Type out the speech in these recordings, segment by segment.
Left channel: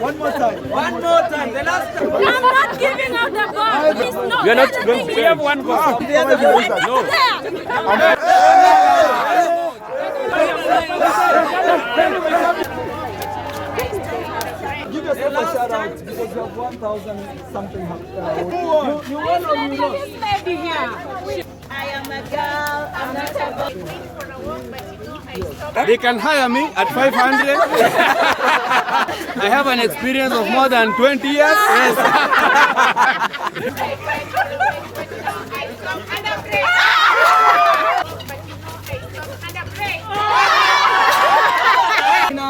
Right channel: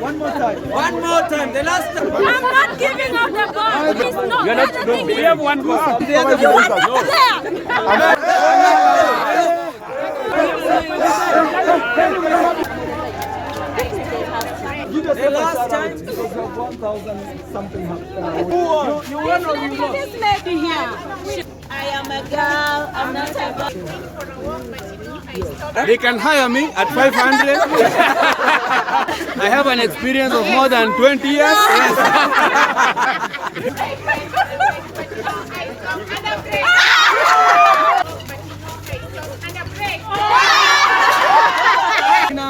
One more time. One more time. The last time. I'm not giving out the ball. Please, no. You're not going to have one ball. You want the Give yourself a shout out because you have 1,000 something. You won or you lost? This lady here. I am a girl. I'm not a boy. They can hire me at 500. I have an experience of more than 20 years.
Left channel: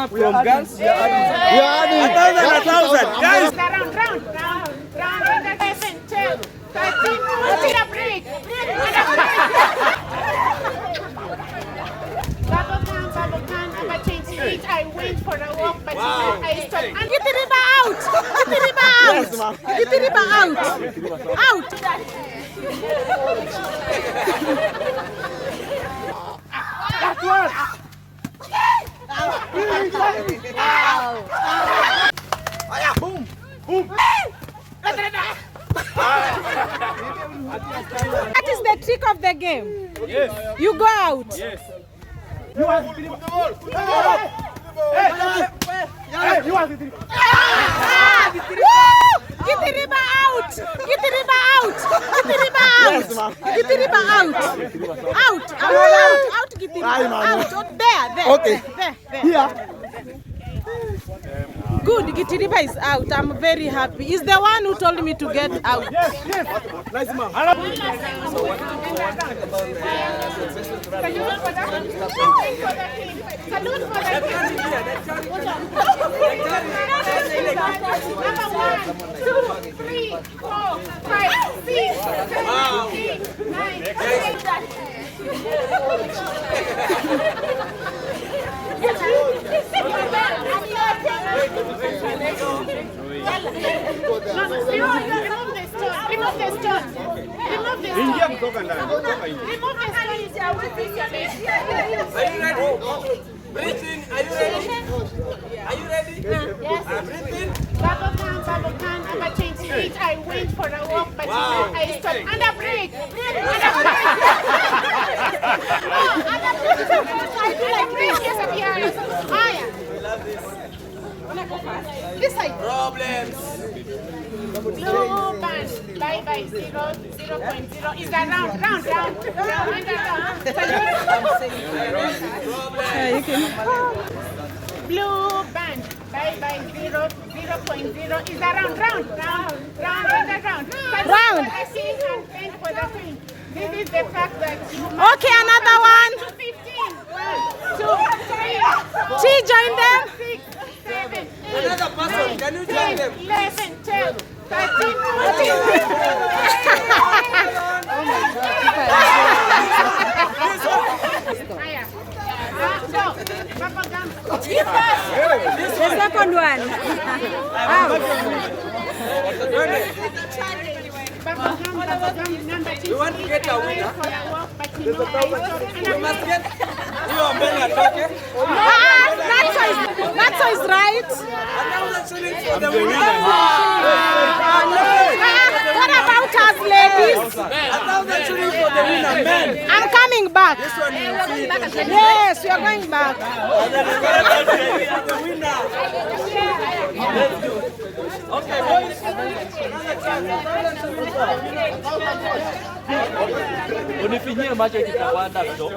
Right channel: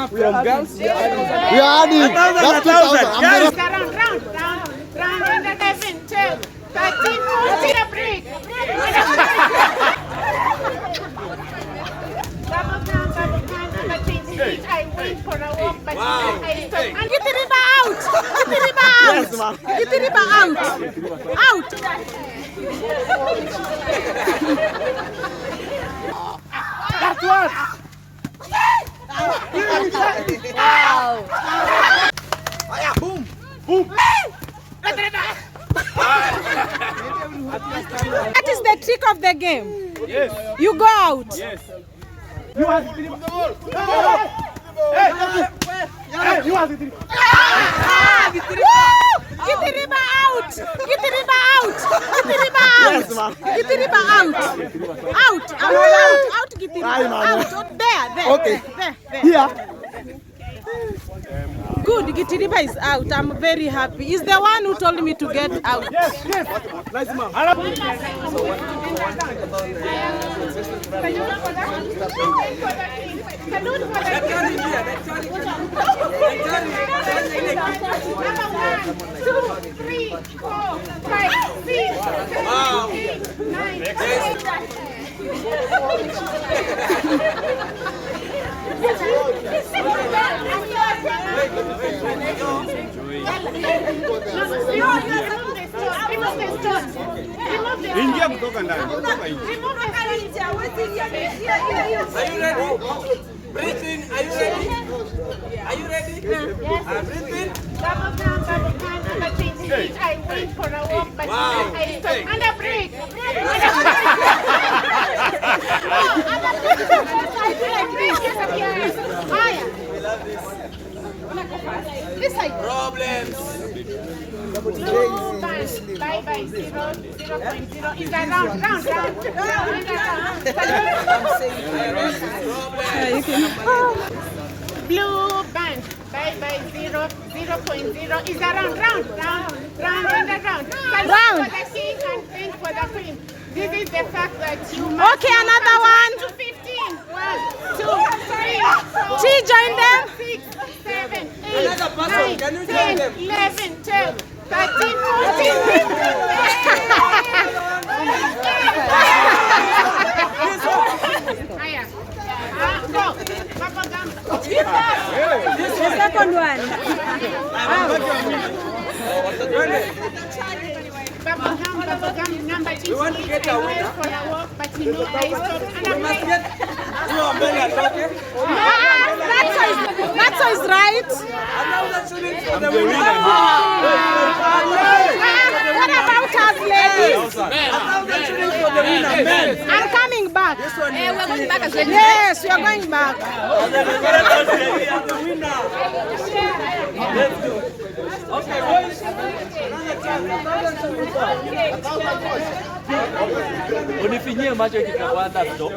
From girls, We are adding. 1,000, guys. Round 11, 12, 13, 14, a break. I wait for a walk, but I stop. Get the river out! Get the river out! Get the river out! Out! That's what. Boom. Boom. That is the trick of the game. Yes. You go out. Yes. You are the ball. Hey, you are the Woo! Get the river out! Get the river out! Get the river out! Get the river out! Out! Out! Get the river out! There! Okay. There! Here. Good, Gitiriba is out. I'm very happy. He's the one who told me to get out. Yes, yes. Nice man. Ingia kutoka ndani. Are you ready? Breathe in. Are you ready? Are you ready? Yes. Breathe in. Double count, I change seat. I wait for a walk, but I stop. And a break. I do like this. Yes, We love this. this side. Problems. Blue band. Bye 0.0 is a round. Blue band. Bye 0.0 is a round. Round. For the queen. This is the fact that you. Okay, another one. 15. 1, 2, 3. She joined them. 6, 7, 8, Another person. Can you join them? 11, 12, 13, 14. The second one. We want to get a winner. You must get. You are being attacked. That's is right. I'm the winner What about us, ladies? I'm not shooting for the winner, man. I'm coming back. Yes, we are going back. Unifinyie macho ikipanda stop.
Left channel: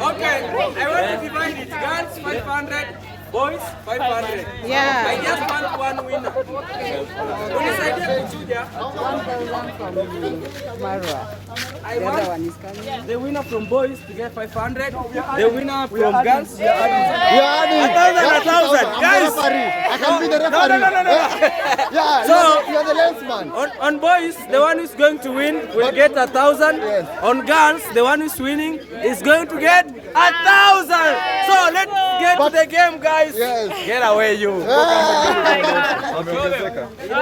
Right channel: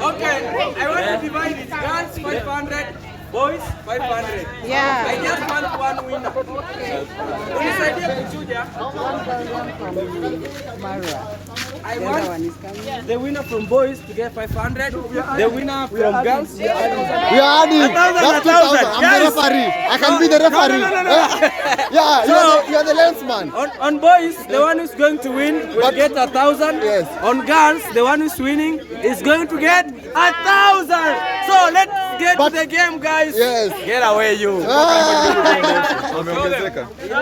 Okay, I want to divide it. Girls 500, boys 500. Yeah. I just want one winner. Unisaidie kuchuja. I want the winner from boys to get 500. The winner from girls. We are adding. 1,000, guys. I can be the referee. No. Yeah, So- you are the lensman. On boys, the one who's going to win will get 1,000. Yes. On girls, the one who's winning is going to get 1,000. So let's get to the game, guys. Yes. Get away, you. Oh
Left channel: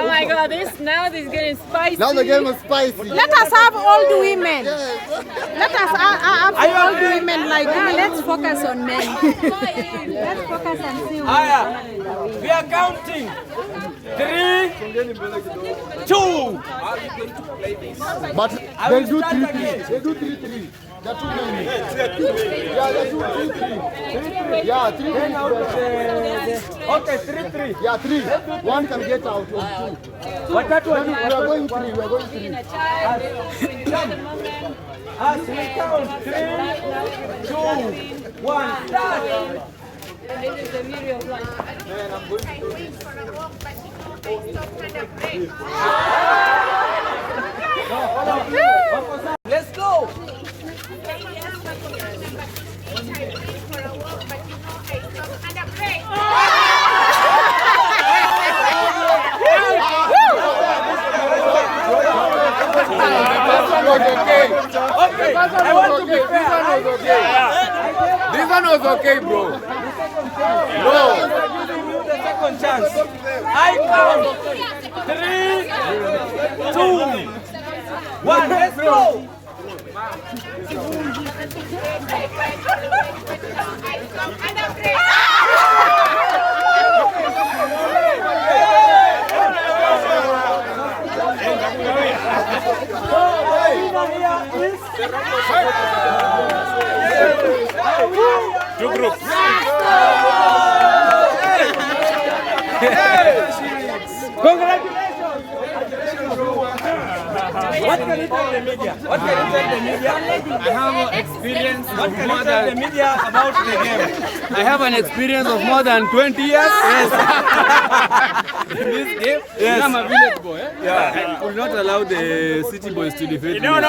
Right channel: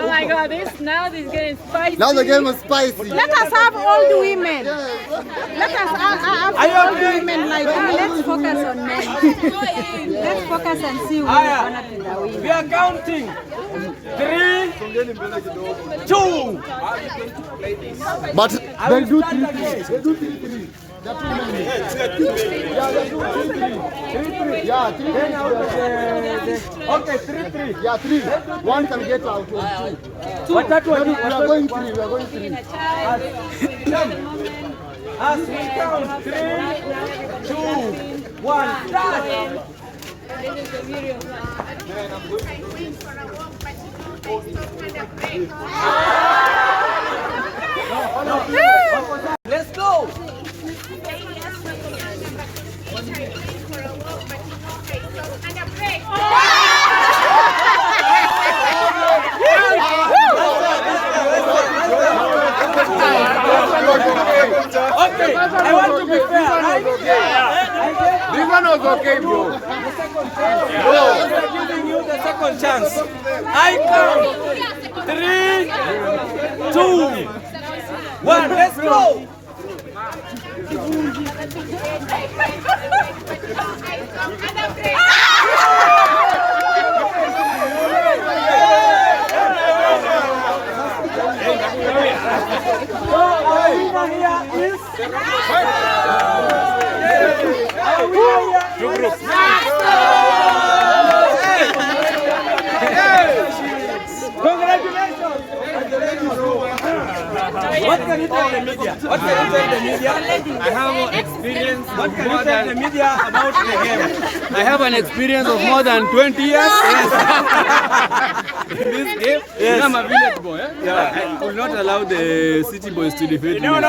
my God, this is getting spicy. Now the game is spicy. Let us have old women. Let us have old women like let's focus on men. Let's focus and see who We are counting. 3, 2. But don't do 3. Do 3. Yeah, 3. Okay, 3. Yeah, 3. One can get out. 2. What that one? We are going 3. We are going 3. As we count 3, 2, 1, start. Let's go. Okay, I want to be fair. This one was okay, bro. We are giving you the second chance. I count 3, 2, 1. Let's go. Two groups. What can you tell the media? What can you tell the media? I have an experience. What can you tell the media about the game? I have an experience of more than 20 years in this game. Yes. I'm a village boy. I will not allow the city boys to defeat me.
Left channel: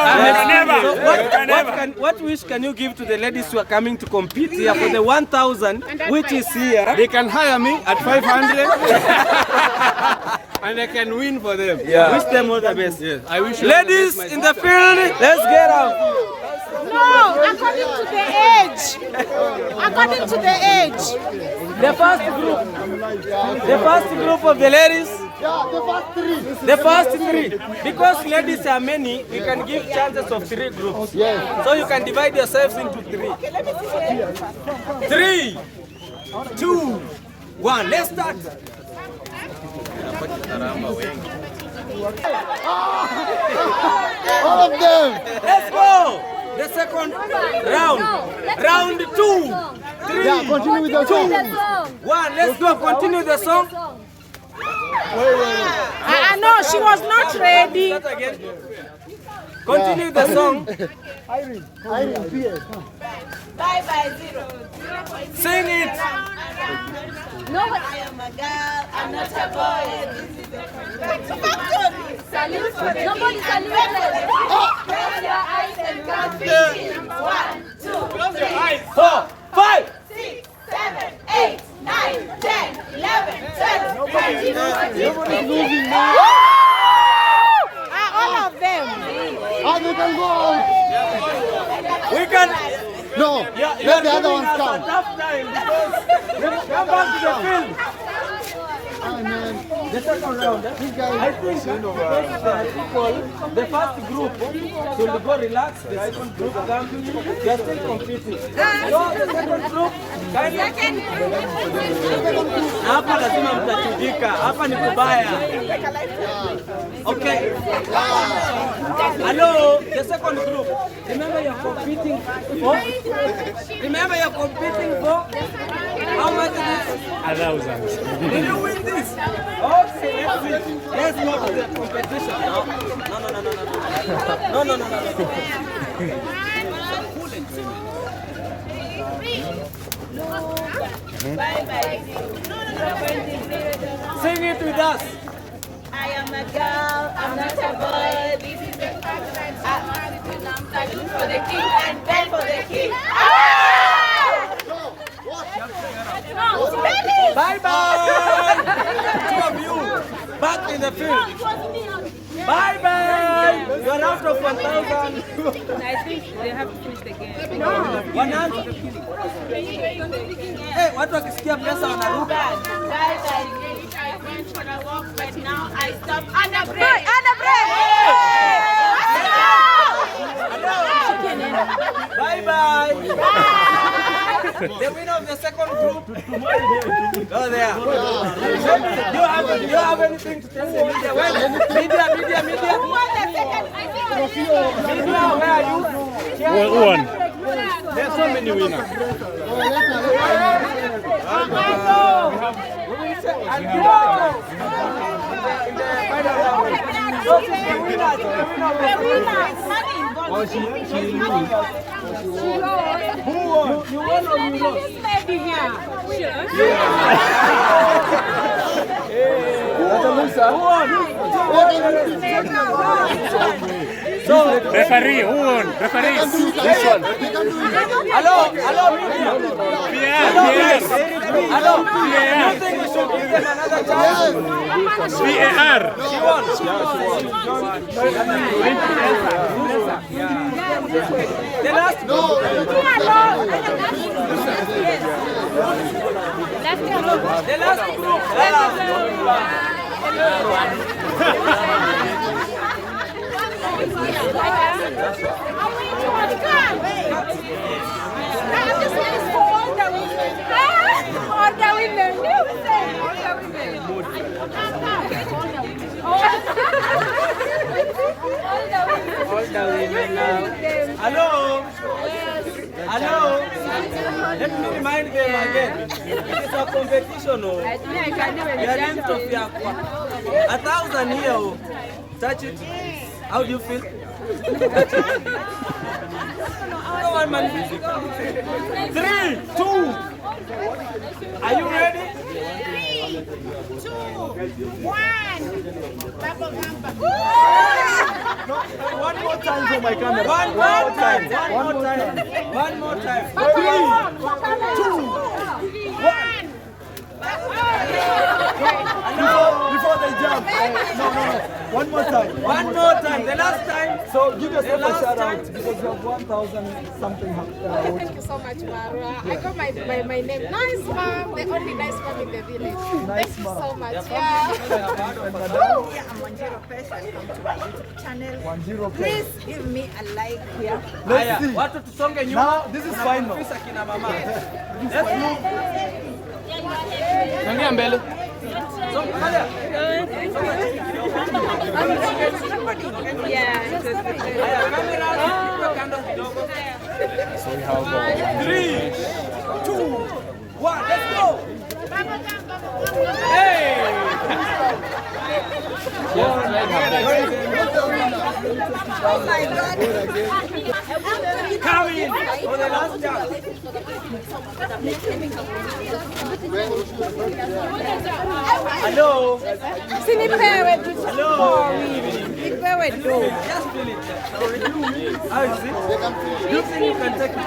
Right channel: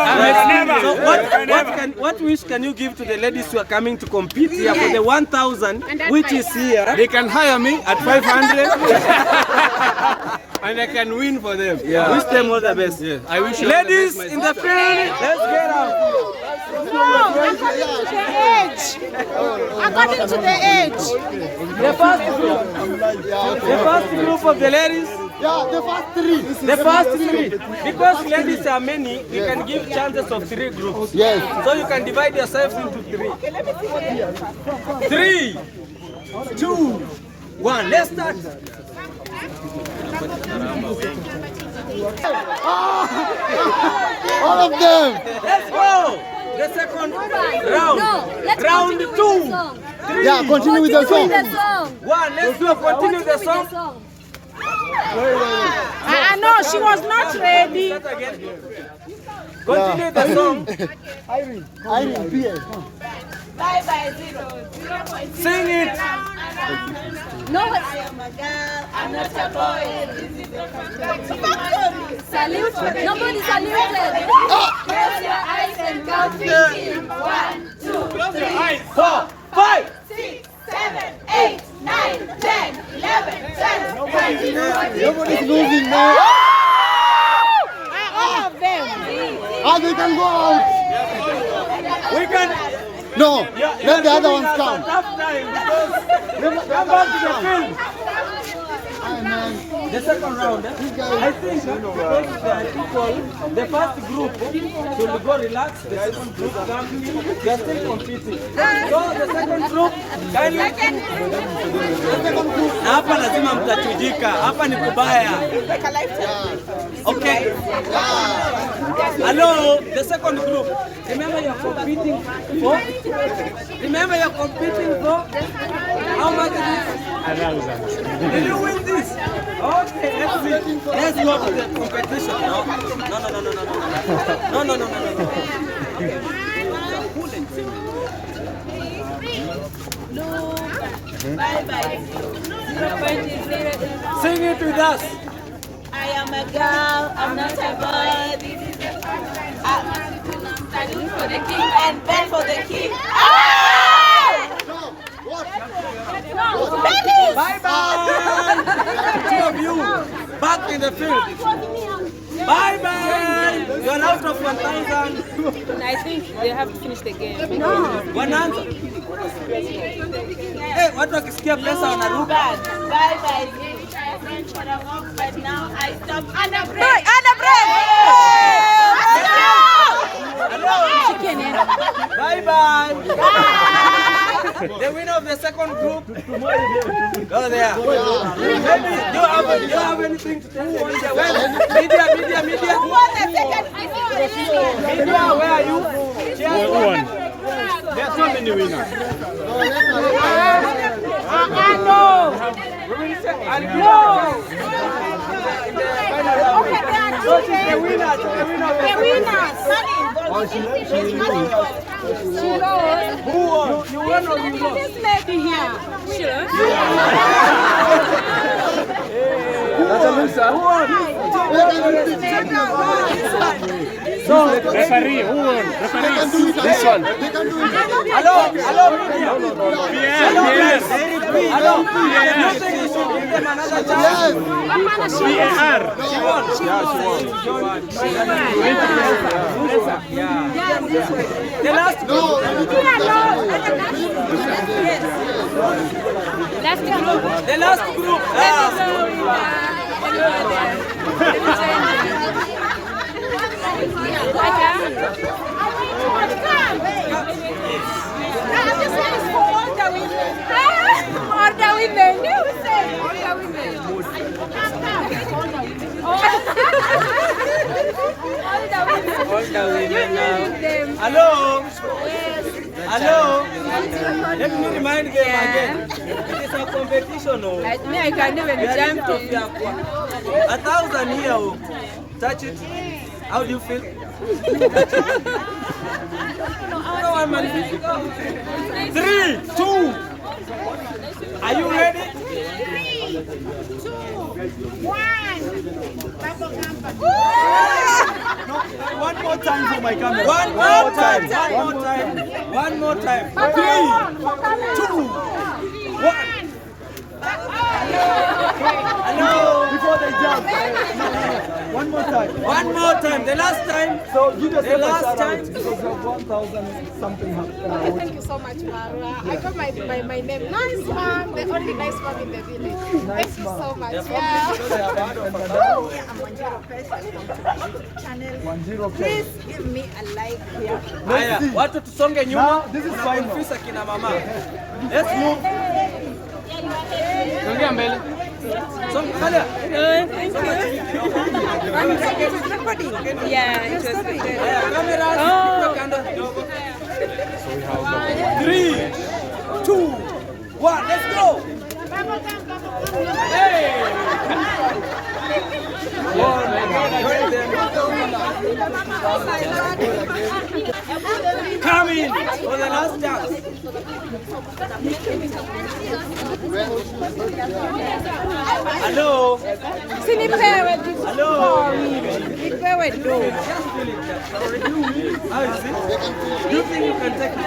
So what wish can you give to the ladies who are coming to compete here for the 1,000, which is here? They can hire me at 500 and I can win for them. Wish them all the best. Yes. I wish you Ladies all the best, in the field, let's get up. No, according to the age. According to the age. The first group of the ladies. Yeah, the first 3. The first 3. Because ladies are many, we can give chances of 3 groups. Yes. So you can divide yourselves into 3. 3, 2, 1. Let's start. All of them. Let's go. The second round. Round 2, 3, Yeah, continue with the song. 1. Let's go. Continue the song. No, she was not ready. Continue the song. Irene, PA, come. Sing it. No, I am a girl, I'm not a boy. Salute. Nobody saluted. Close your eyes and count 3. 1, 2, 3, 4, 5. 6, 7, 8, 9, 10, 11, 12. Nobody's moving now. All of them. They can go out. We can. No, let the other ones come. Tough time because come back to the field. The second round, I think because there are people, the first group should go relax, the second group come, they are still competing. So the second group, na hapa lazima mtachujika, hapa ni kubaya. Okay. Hello, the second group. Remember you're competing for? Remember you're competing for? How much is it? 1,000. Did you win this? Okay, let's go to the competition. No. Sing it with us. I am a girl, I'm not a boy. This is the salute for the king and bell for the king. Bye-bye. Two of you, back in the field. Bye-bye. You're out of 1,000. I think they have to finish the game. No. 100. Hey, watu wakisikia pesa wanaruka. Guys, I been for a walk, but now I stop under break. Under break. Hello. Bye bye. The winner of the second group. Go there. Do you have anything to tell the media? Well, media. Who won the second? Media, where are you? Who won? There are so many winners. We will say, I'll give you a chance in the final round. So she's the winner of the second round. Who won? You won or you lost? This lady here. That's a loser. Who won? So, Referee, who won? Referee. This one. hello, media. Yes. Hello. You think you should give them another chance? VAR. She won. The last group. The last group. Hello. Let me remind them again. It is a competition. We are in Ethiopia. 1,000 here. Touch it. How do you feel? Touch it. No one man. 3, 2. Are you ready? 3, 2, 1. One more time for my camera. One more time. 3, 2, 1. Hello. Before they jump. One more time. The last time. So give yourself The a last shout time- out because you have 1,000 something. Thank you so much, Marwa. I got my name. Nice mom, the only nice mom in the village. Nice Thank you mom. so much. Yeah. And madam, I'm 1 person from the YouTube channel. 1-0. Please give me a like here. Haya, watu tusonge nyuma. Now, this is final. Tunakonfisa kina mama. Let's move. Angalia mbele. So, haya. Yeah, it was good. Haya, kamera. Tuwe kando kidogo. 3, 2, 1. Let's go. Hey. Come in for the last chance. Hello. Sinipewe tu. Hello. Nipewe tu. How is it? Do you think you can take it?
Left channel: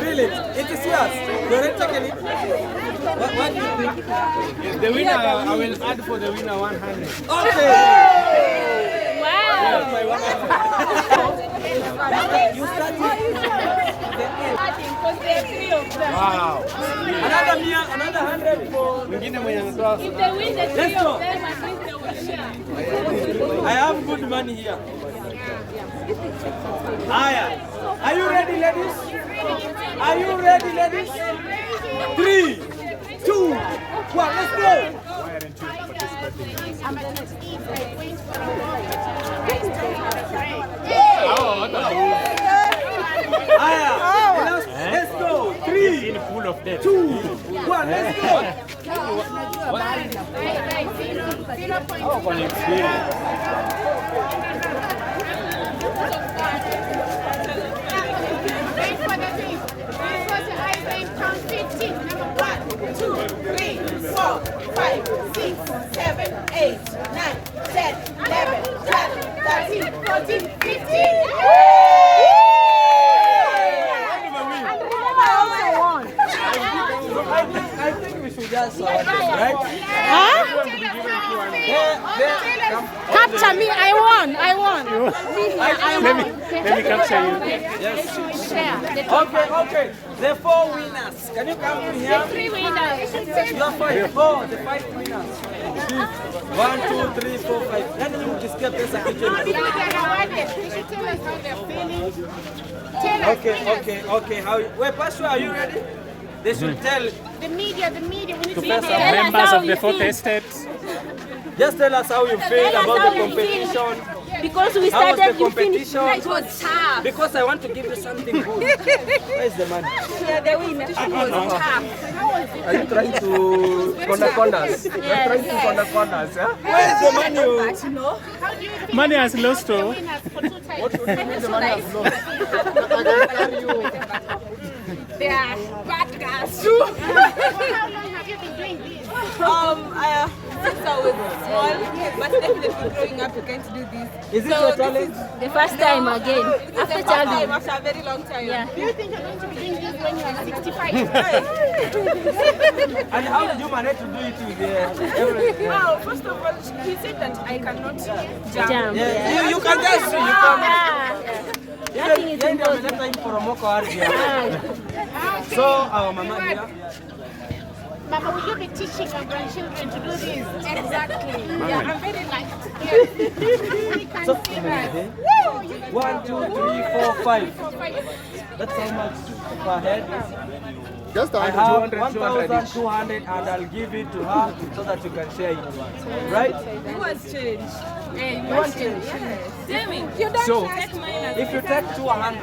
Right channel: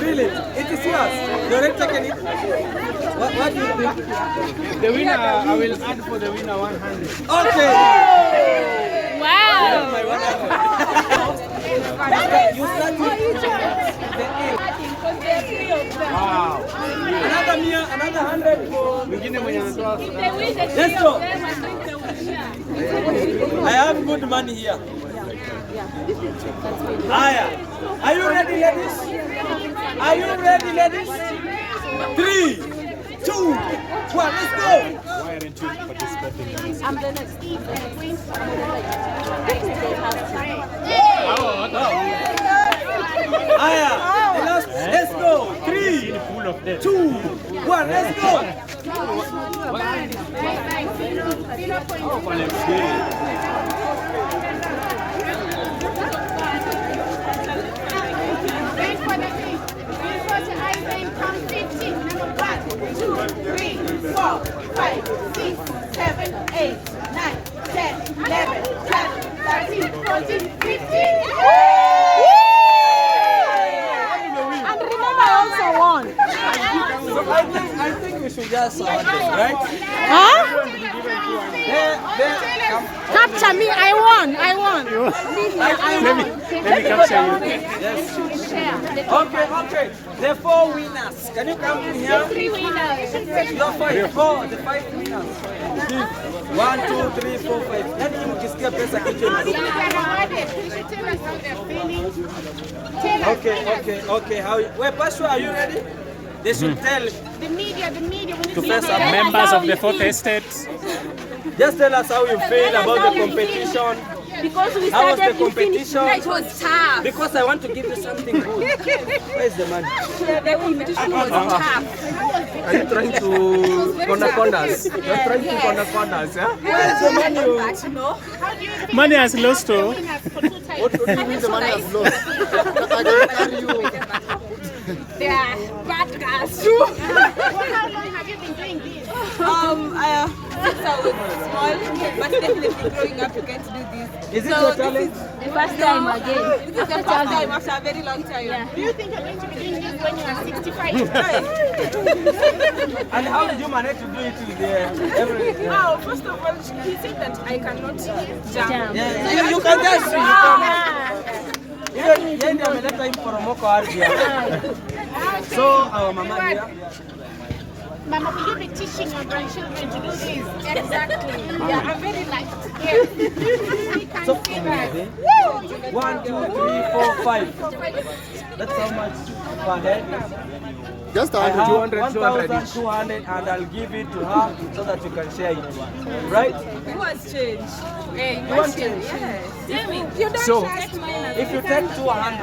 Feel it. It is yours. You already taken it? What do you think? The winner, I will add for the winner 100. Okay. Wow. My 100. You start with Wow. another mia, another 100 for. Mwingine mwenye anatoa. Let's go. I have good money here. Aya. Are you ready, ladies? Are you ready, ladies? 3, 2, 1. Let's go. Why aren't you participating? Aya. Let's go. 3, 2, 1. Let's go. Wait for the thing. Wait for the item. Count 15. Number 1, 2, 3, 4, 5, 6, 7, 8, 9, 10, 11, 12, 13, 14, 15. And remember, I also won. I think we should just right? Huh? They, Capture me. I won. Let me capture you. yes. Okay. The 4 winners. Can you come in here? 3 winners. You are 4. The 5 winners. 1, 2, 3, 4, 5. Yaani ukisikia pesa kichwa inaruka. Okay. Wait, Pastor, are you ready? They should tell The media. We need to to Pastor. Members of the fourth estate. Just tell us how you feel about the competition. Because we How was started, the competition? it was tough. Because I want to give you something good. Where is the money? The competition was tough. Are you trying to corner us? You're trying to corner us, yeah? Where is the money? How do you feel? Money has lost, The oh. winners for 2 times. Yeah, bad guys. For how long have you been doing this? Since I was small, but definitely growing up, you can't do this. Is it your talent? The first time again. This is the first time after a very long time. Do you think you're going to be doing this when you are 65? And how did you manage to do it with everything? Oh, first of all, he said that I cannot jump. Yeah, you can just even ndio ameleta hii poromoko ardhi. So our mama here. Mama, will you be teaching your grandchildren to do this? Exactly. Yeah, I'm very lucky. Yes. We can So, see that. 1, 2, 3, 4, 5. That's how much per head. Just I have 1,200 and I'll give it to her so that you can share it. Right? Who has changed? You want change? So, if you take 200,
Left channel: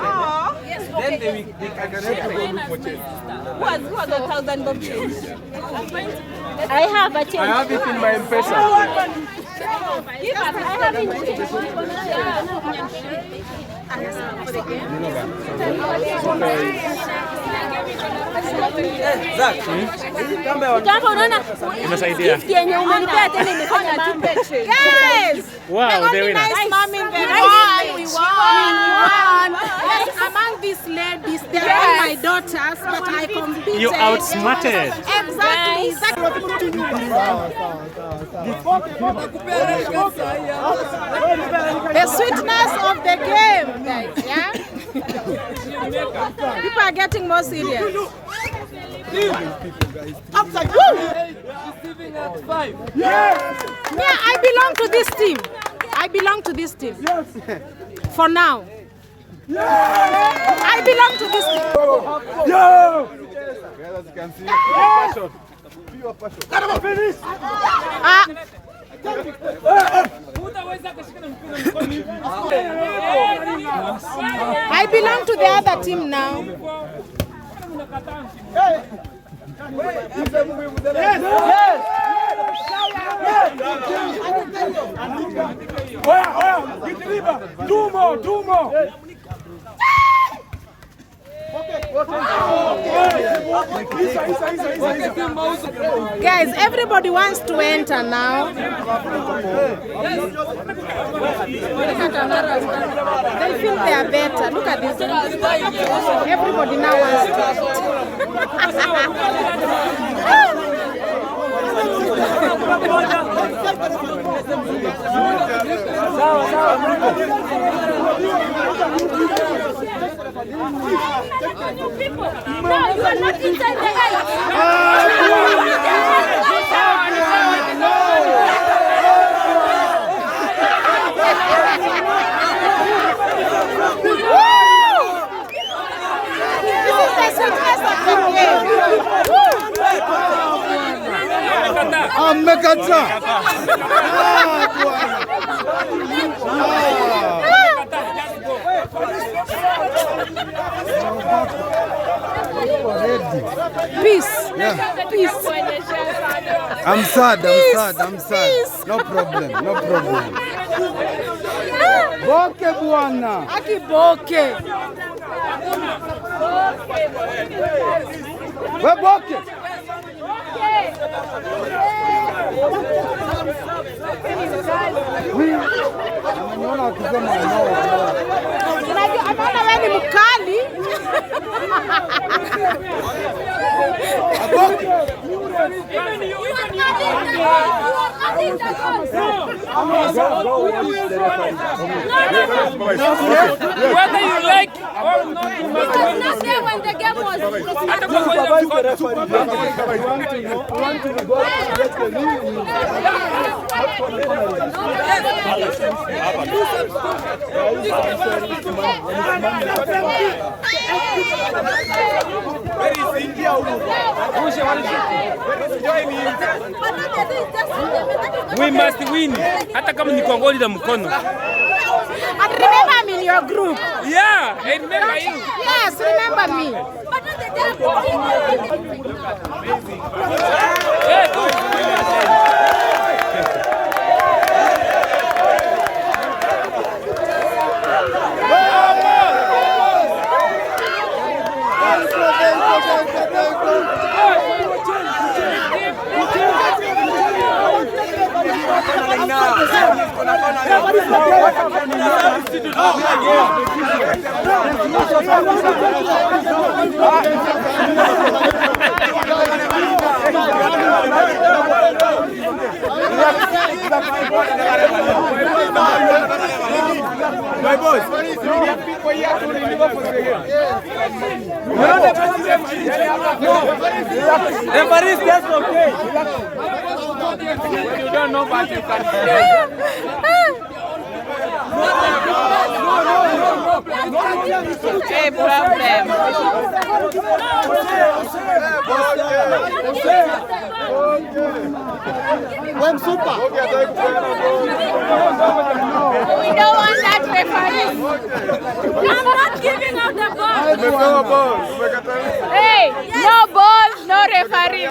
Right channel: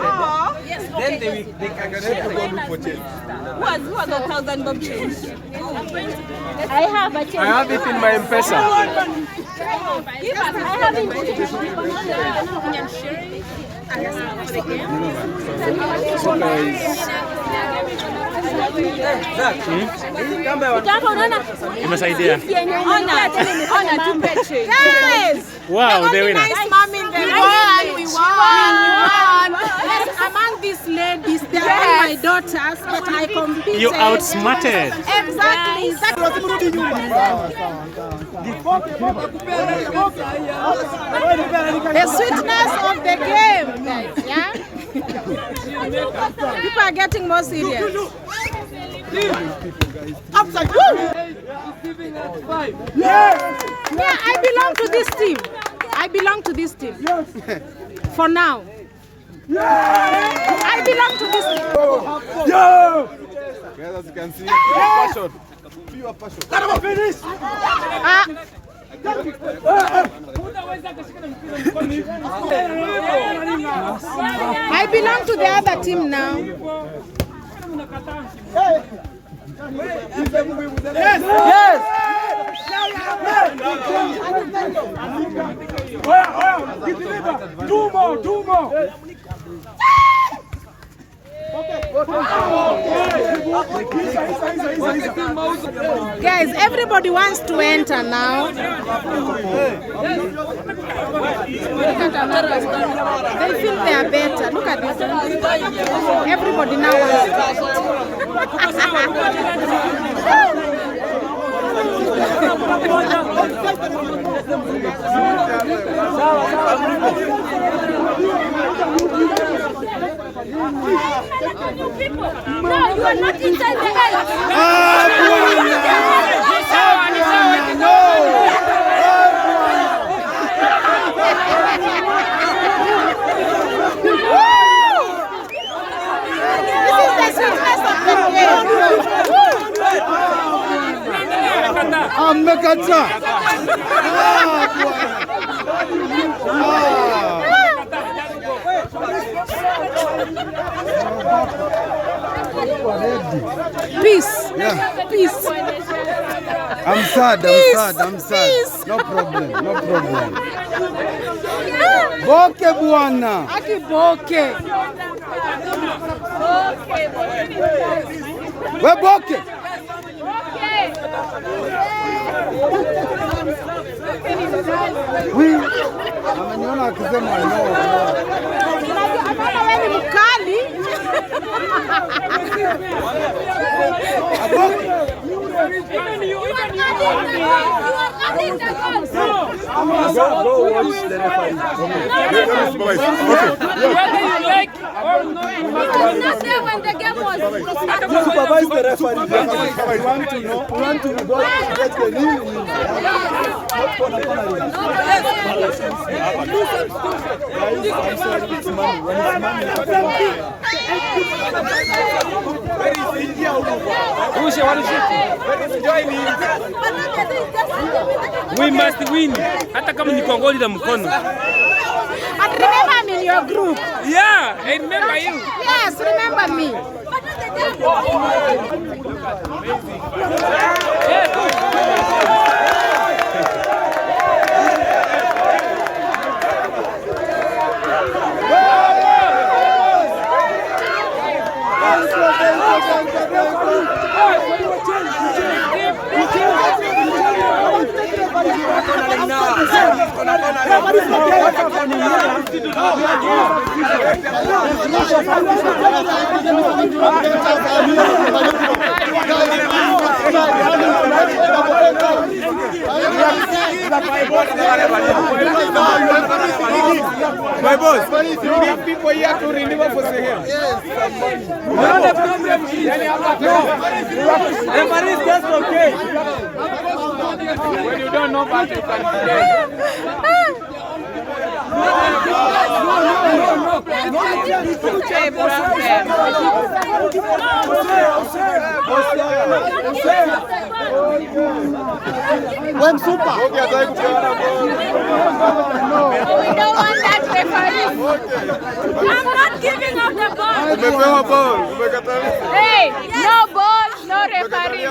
then they can share. Who has 1,000 bob change? I have a change. I have it in my M-Pesa. Imesaidia. Yes! Wow, they win. Nice mom in the world. We won. Yes, among these ladies, they are all my daughters, but I competed. You outsmarted. Exactly. The sweetness of the game. Yeah? People are getting more serious. Yeah, I belong to this team. I belong to this team. For now. I belong to this team. Guys, as you can see, passion. Pure passion. I belong to the other team now. Guys, everybody wants to enter now. Look at another one. They feel they are better. Look at this one. Everybody now wants You people. No, you are not inside the eight. This is the success of the game. Amekata. Peace. Yeah. Peace. I'm sad. No problem. Boke bwana. Aki boke. We boke. Ameniona akisema no. Kama wewe ni mkali. Not there when the game was started. We must win. Hata kama ni kwa goli la mkono. And remember me in your group. Yeah, I remember you. Yes, remember me. My boss, we need people here to deliver for Sahel. You know the problem is, no, referee is just okay. When you don't know what you can When super. We don't want that referee. I'm not giving out the ball. Hey, no ball, no referee.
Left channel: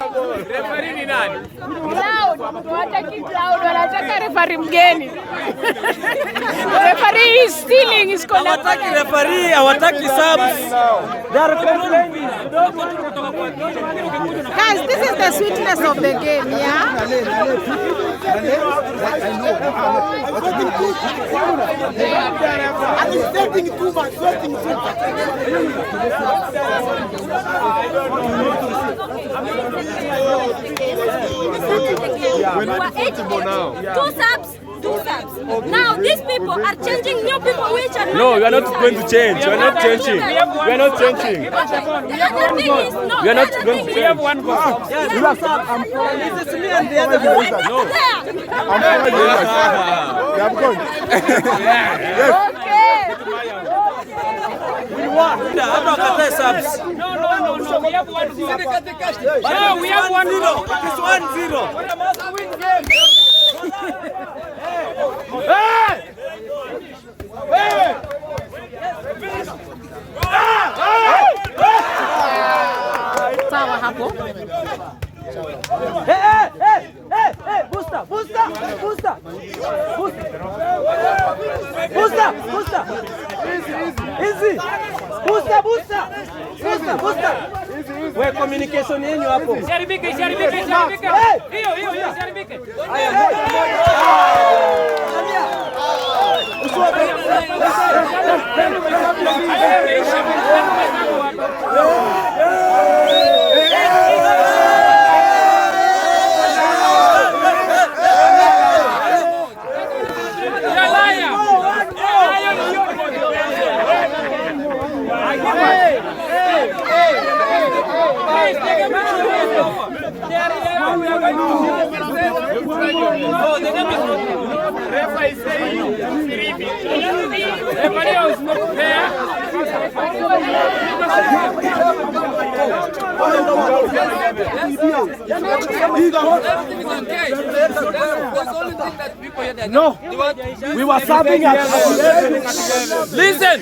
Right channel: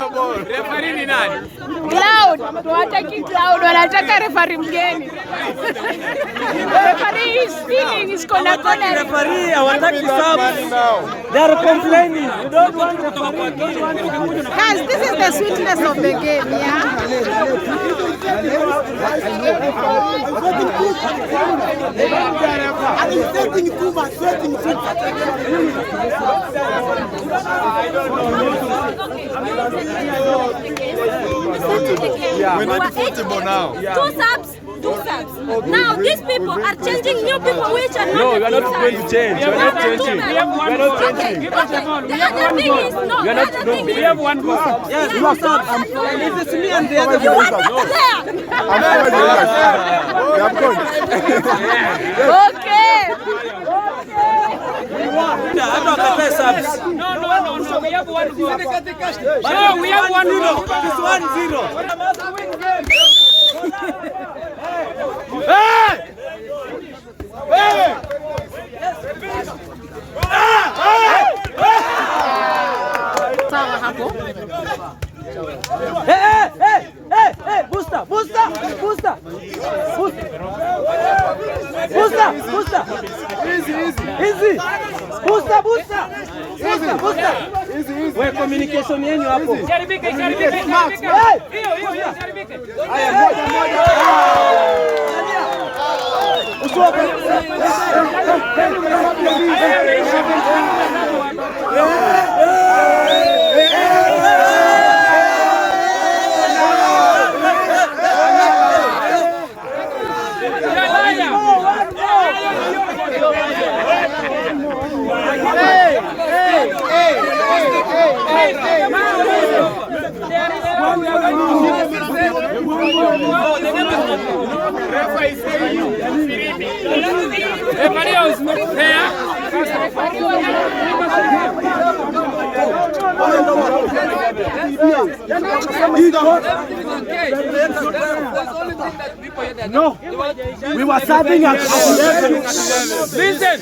referee ni nani? Cloud, wataki Cloud, wanataka referee mgeni. Referee is stealing his corner. Referee hawataki subs. They are complaining. You don't want referee. Guys, this is the sweetness of the game, yeah? I'm expecting too much, sweating too much. We're not comfortable now. Two subs. Now these people are changing new people which are not. No, we are not two going to subs. change. We are not changing. We We are not changing. The other thing is no. We are The not other going. thing We is have one goal. You are subs. This is me and the you other. want the I'm following you guys. Yeah, I'm going. Okay. Hata wakatae subs. No, we have one goal. No, we have 1-0. It's 1-0. Sawa hapo. Hey, booster. Easy. Booster. Wewe communication yenu hapo. No, we were serving at Listen.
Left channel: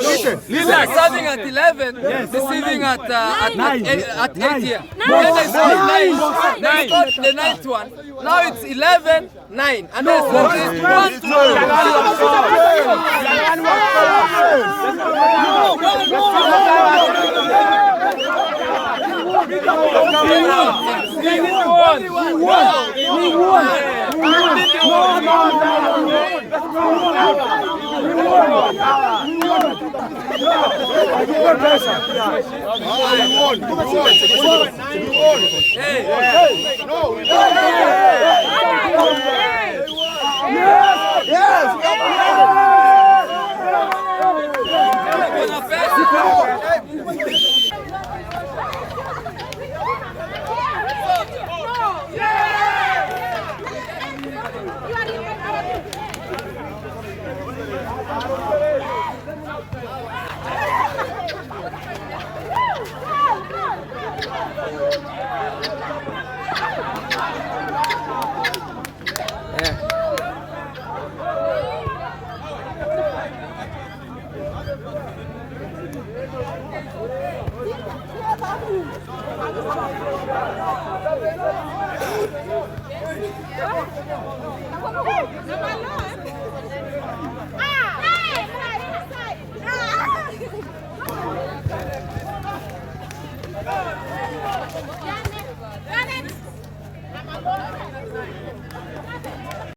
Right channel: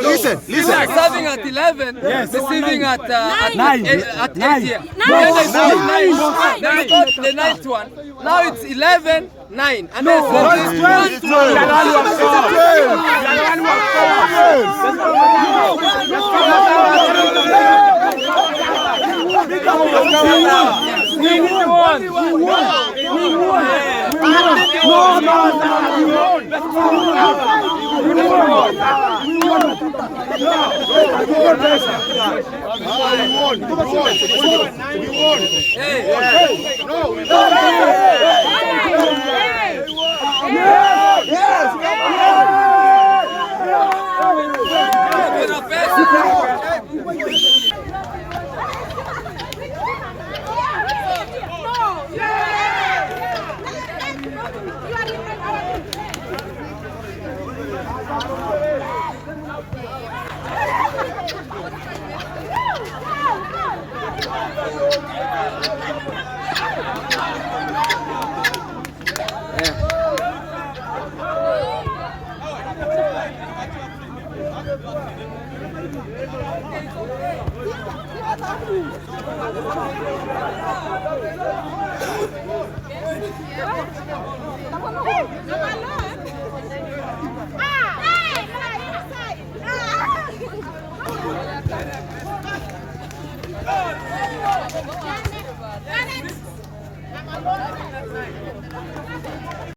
Listen. We are serving at 11, receiving at 8 here. Then they scored 9. They scored the 9th one. Now it's 11, 9. And then it's 1-2.